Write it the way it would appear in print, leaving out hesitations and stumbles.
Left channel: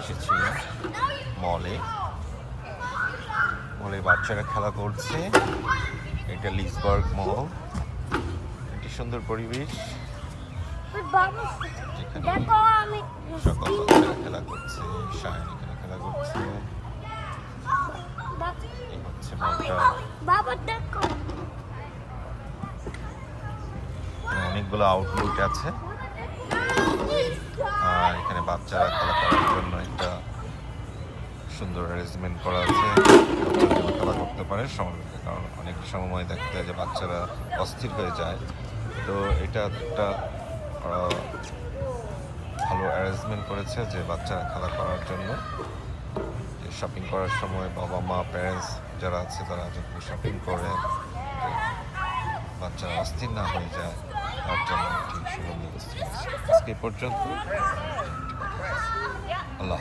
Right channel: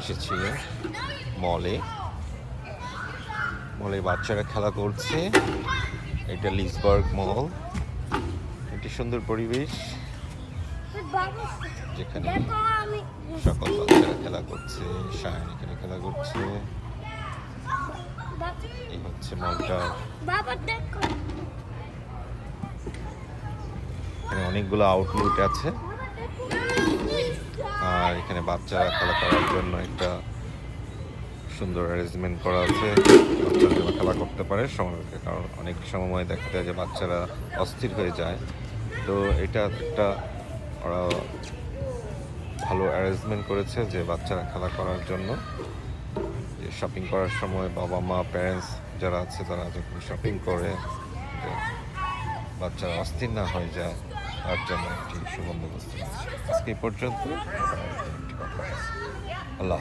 এসেছিল মলে। মলে বাচ্চারা খেলা করছে। এটা লিসবার্গ মল। একটা সুন্দর পরিবেশ যেখানে খেলা করছে, শায়না খেলা করছে। এই হচ্ছে অনেকগুলো আউটলেট আছে। এখানে বাচ্চারা খেলা করার জন্য একটা সুন্দর অ্যারেঞ্জমেন্ট করা আছে, করতে পারে অনেক সময় দেখতে হয় যে বাচ্চারা অস্থির হয়ে যায়। তো এটা একটা ভালো অ্যারেঞ্জমেন্ট করেছে যে বাচ্চারা খেলা করার জন্য। শপিং করার সময় বাবা মা প্যারেন্টস যারা আছে তারা যখন শপিং করে বাচ্চারা অস্থির না হয়ে যায় তার জন্য আজকে পর্যন্ত। আল্লাহ।